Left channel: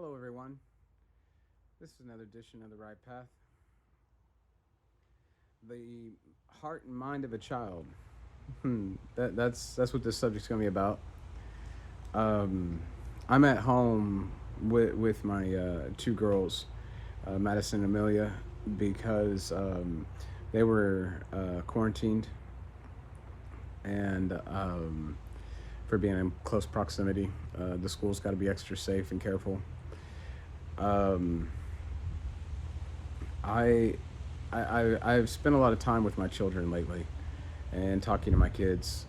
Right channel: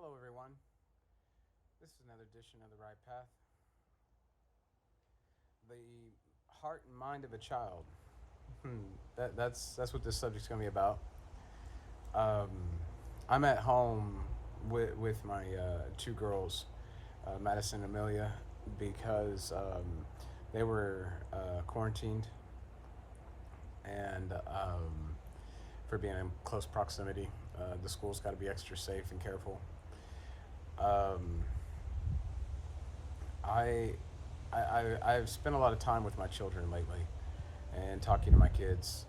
Hello, everyone. This is another edition of The Right Path. The heart and mind of a child. That's what this subject's going to be about. Um, I'm at home with my two girls, Madison and Amelia, because they were quarantined and for being in close proximity. The school's got to be extra safe and careful. Um, I, I've spent a lot of time with my children lately, and talking to my kids.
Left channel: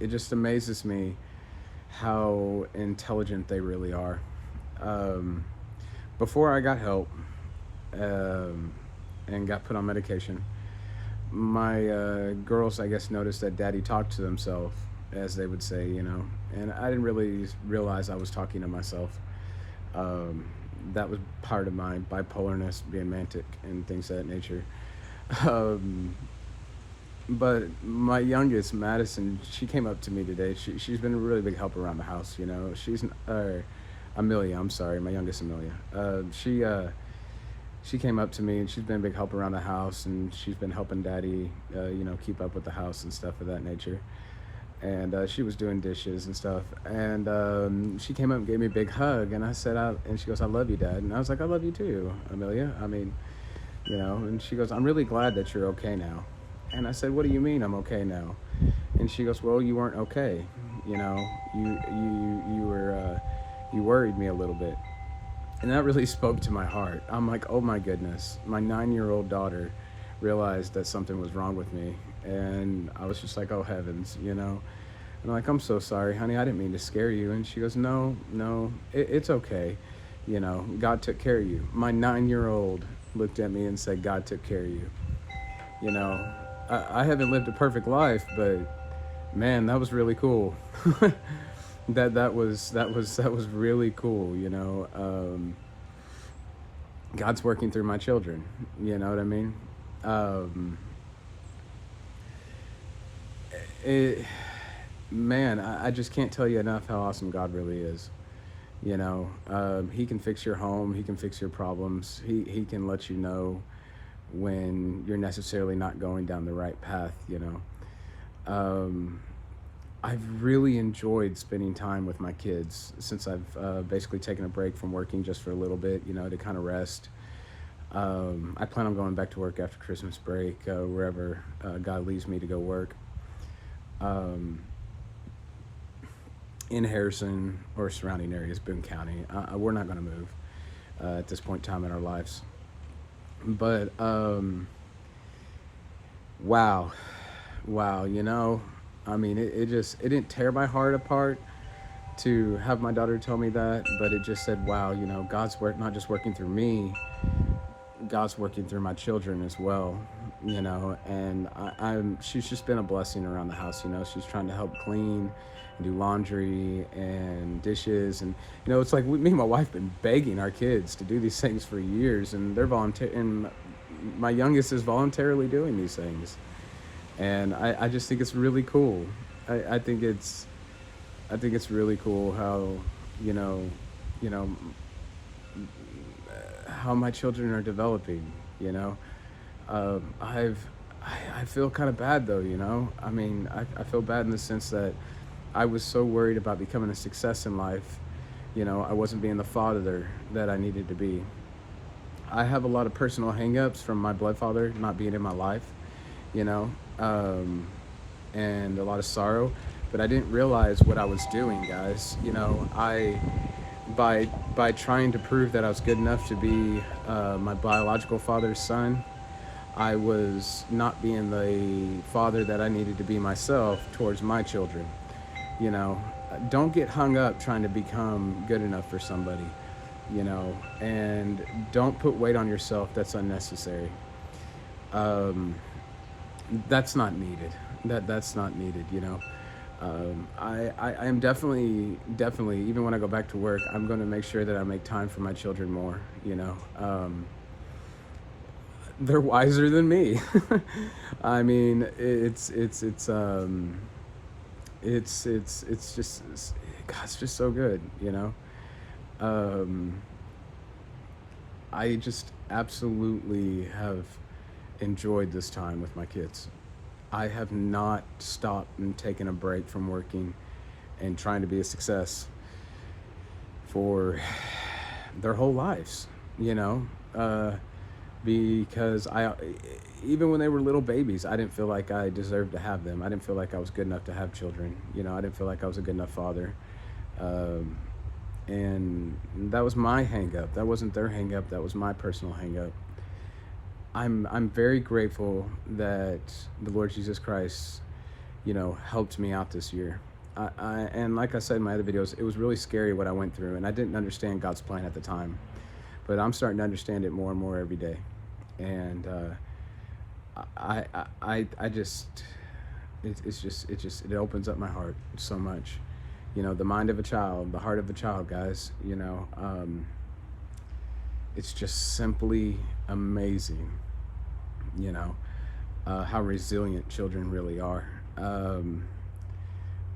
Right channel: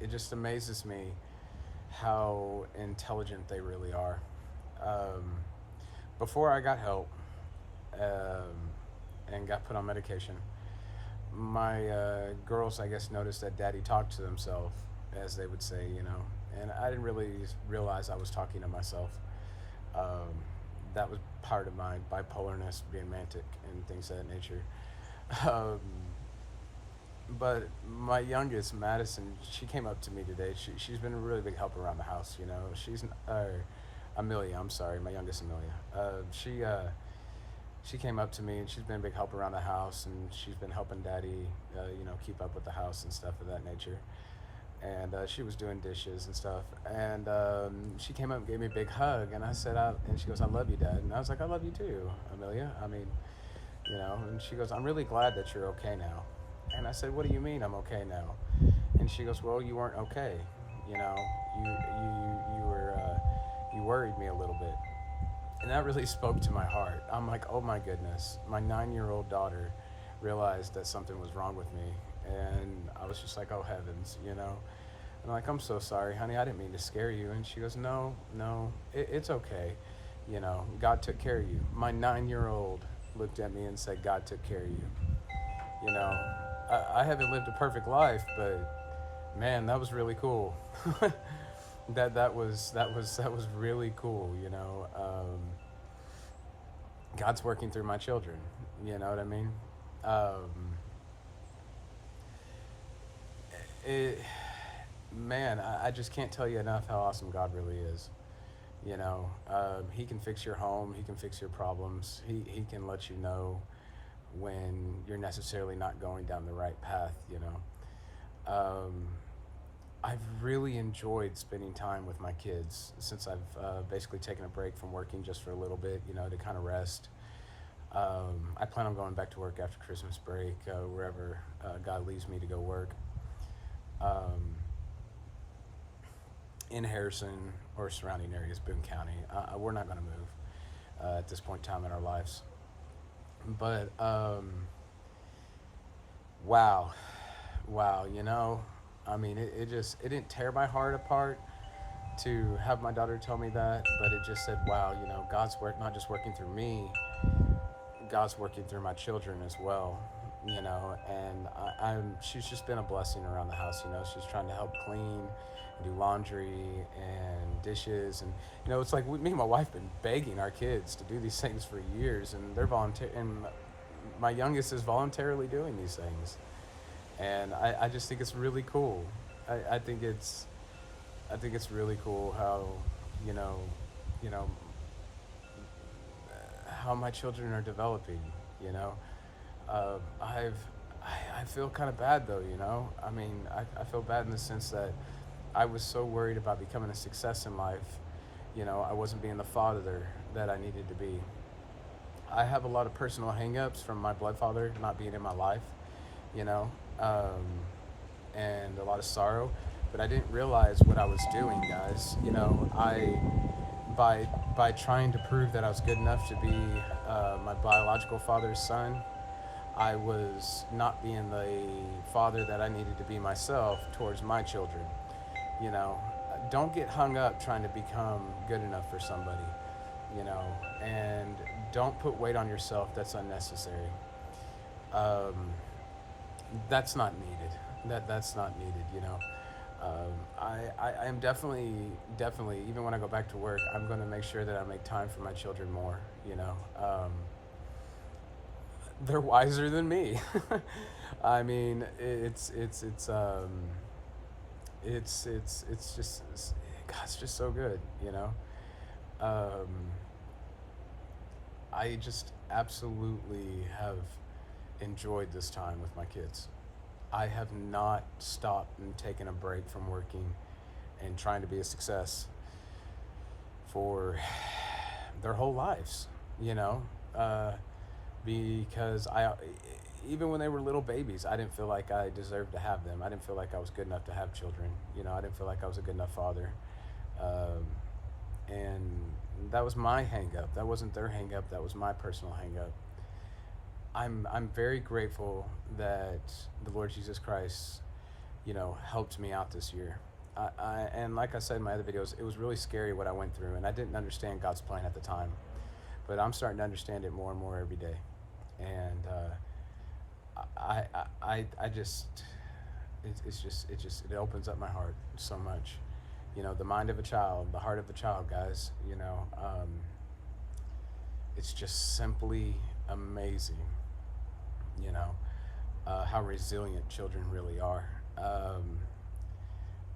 It just amazes me how intelligent they really are. Um, Before I got help um, and got put on medication, my girls, I guess, noticed that Daddy talked to himself, as they would say, and I didn't really realize I was talking to myself. Um, that was part of my bipolarness, being manic and things of that nature. Um, but my youngest, Madison, she came up to me today. She's been a really big help around the house. She's Amelia. I'm sorry, my youngest Amelia. She came up to me and she's been a big help around the house, and she's been helping Daddy, keep up with the house and stuff of that nature. And she was doing dishes and stuff. And she came up and gave me a big hug, and and she goes, "I love you, Dad." And I was like, "I love you too, Amelia. I mean, And she goes, "I'm really glad that you're okay now." And I said, "What do you mean I'm okay now?" And she goes, "Well, you weren't okay. You know, you were you worried me a little bit." And that really spoke to my heart. I'm like, "Oh my goodness, my 9-year-old daughter realized that something was wrong with me." And I was just like, "Oh heavens," And I'm like, "I'm so sorry, honey. I didn't mean to scare you." And she goes, "No, no, it's okay. God took care of you." My 9-year-old looked at me and said, "God took care of you." You know, I haven't lived a perfect life, but man, that was really cool. That was really cool. God's working through my children. You know what I mean? Um, it, Man, I just can't tell you enough how awesome God really is. He can fix your home. He can fix your problems. He can let you know when you're necessarily not going down the right path. Um, I've really enjoyed spending time with my kids since I've basically taken a break from working just for a little bit, to kind of rest. I plan on going back to work after Christmas break, wherever God leads me to go work. Um, in Harrison or surrounding areas, Boone County. We're not going to move at this point in time in our lives. But wow, wow, I mean, it didn't tear my heart apart to have my daughter tell me that, but it just said, wow, God's work not just working through me, God's working through my children as well. And she's just been a blessing around the house. She's trying to help clean and do laundry and dishes, and it's like me and my wife been begging our kids to do these things for years, and they're volunteer, and my youngest is voluntarily doing these things, and I just think it's really cool. I think it's really cool how you know you know how my children are developing. You know, I feel kind of bad though. I mean, I feel bad in the sense that I was so worried about becoming a success in life. I wasn't being the father that I needed to be. I have a lot of personal hangups from my blood father not being in my life, you know, um, and a lot of sorrow. But I didn't realize what I was doing, guys. By trying to prove that I was good enough to be my biological father's son, I was not being the father that I needed to be myself towards my children. Don't get hung up trying to become good enough for somebody, and don't put weight on yourself that's unnecessary. Um, that's not needed. That's not needed. I am definitely, even when I go back to work, I'm going to make sure that I make time for my children more. They're wiser than me. I mean, it's just, God's just so good. Um, I just absolutely have enjoyed this time with my kids. I have not stopped and taken a break from working and trying to be a success for their whole lives, you know, because even when they were little babies, I didn't feel like I deserved to have them. I didn't feel like I was good enough to have children. You know, I didn't feel like I was a good enough father. Um, and that was my hang up. That wasn't their hang up. That was my personal hang up. I'm very grateful that the Lord Jesus Christ, you know, helped me out this year. And like I said in my other videos, it was really scary what I went through, and I didn't understand God's plan at the time, but I'm starting to understand it more and more every day. And I just, it opens up my heart so much. You know, the mind of a child, the heart of a child, guys. You know, it's just simply amazing. You know, how resilient children really are.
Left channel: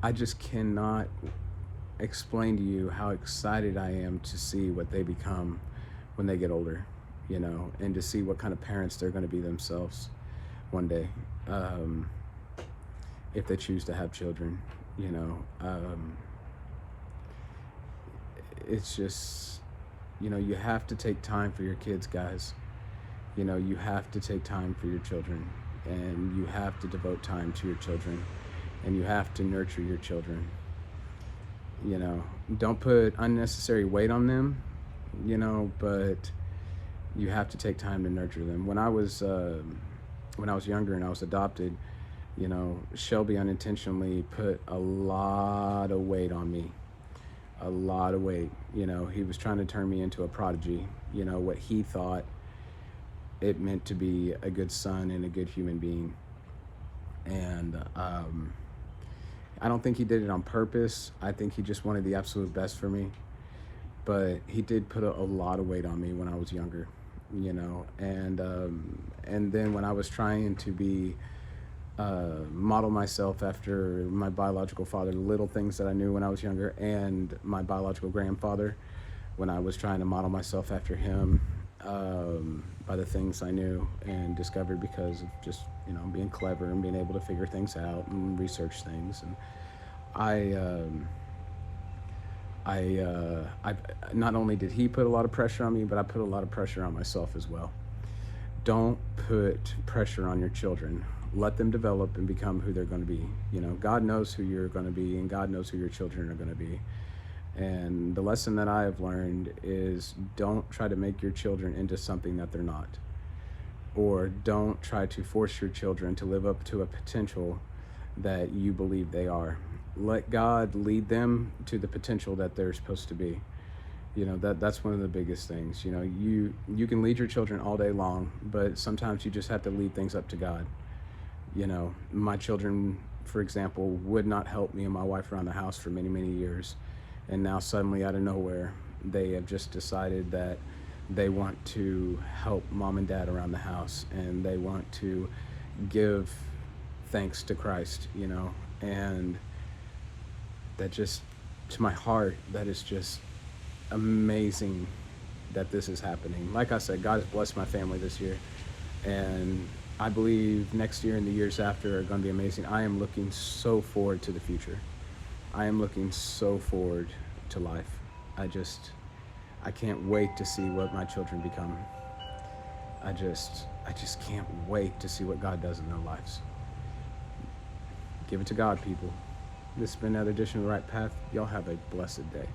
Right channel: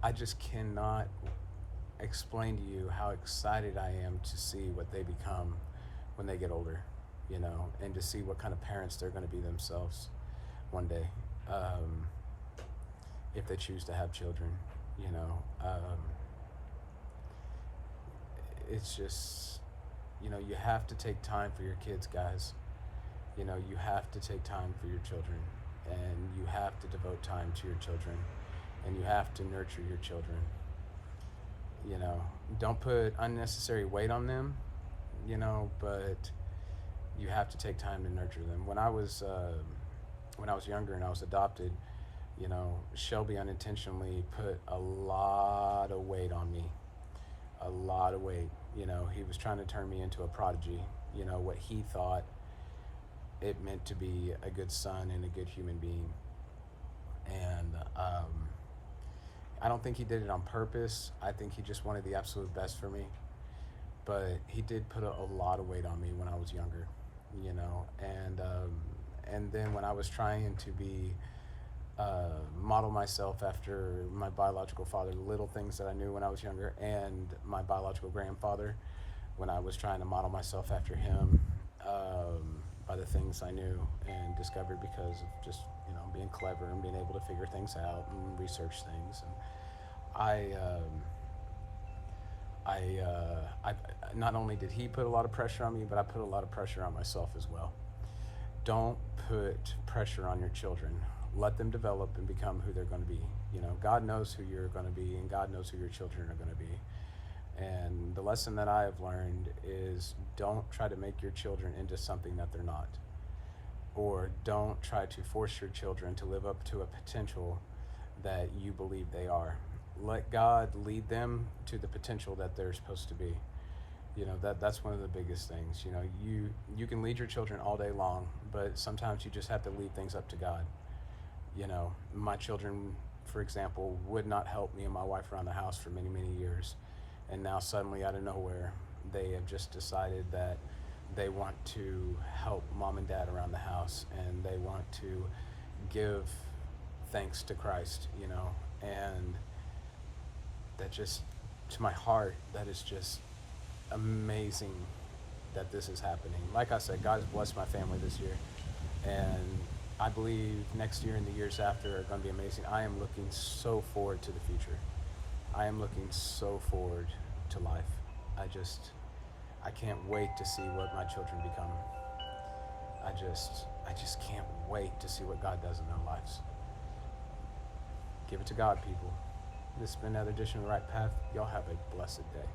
I just cannot explain to you how excited I am to see what they become when they get older, you know, and to see what kind of parents they're going to be themselves one day, if they choose to have children, you know. It's just, you know, you have to take time for your kids, guys. You know, you have to take time for your children, and you have to devote time to your children, and you have to nurture your children. You know, don't put unnecessary weight on them, you know, but you have to take time to nurture them. When I was younger and I was adopted, you know, Shelby unintentionally put a lot of weight on me. A lot of weight. You know, he was trying to turn me into a prodigy, you know, what he thought it meant to be a good son and a good human being. And I don't think he did it on purpose. I think he just wanted the absolute best for me. But he did put a lot of weight on me when I was younger, you know. And then when I was trying to be model myself after my biological father, the little things that I knew when I was younger, and my biological grandfather, when I was trying to model myself after him, by the things I knew and discovered because of just, you know, being clever and being able to figure things out and research things. And I not only did he put a lot of pressure on me, but I put a lot of pressure on myself as well. Don't put pressure on your children. Let them develop and become who they're going to be. You know, God knows who you're going to be, and God knows who your children are going to be. And the lesson that I have learned is don't try to make your children into something that they're not. Or don't try to force your children to live up to a potential that you believe they are. Let God lead them to the potential that they're supposed to be. You know, that's one of the biggest things. You know, you can lead your children all day long, but sometimes you just have to lead things up to God. You know, my children, for example, would not help me and my wife around the house for many, many years. And now suddenly out of nowhere, they have just decided that they want to help mom and dad around the house, and they want to give thanks to Christ, you know. And that just, to my heart, that is just amazing that this is happening. Like I said, God has blessed my family this year, and I believe next year and the years after are going to be amazing. I am looking so forward to the future. I am looking so forward to life. I can't wait to see what my children become. I just can't wait to see what God does in their lives. Give it to God, people. This has been another edition of The Right Path. Y'all have a blessed day.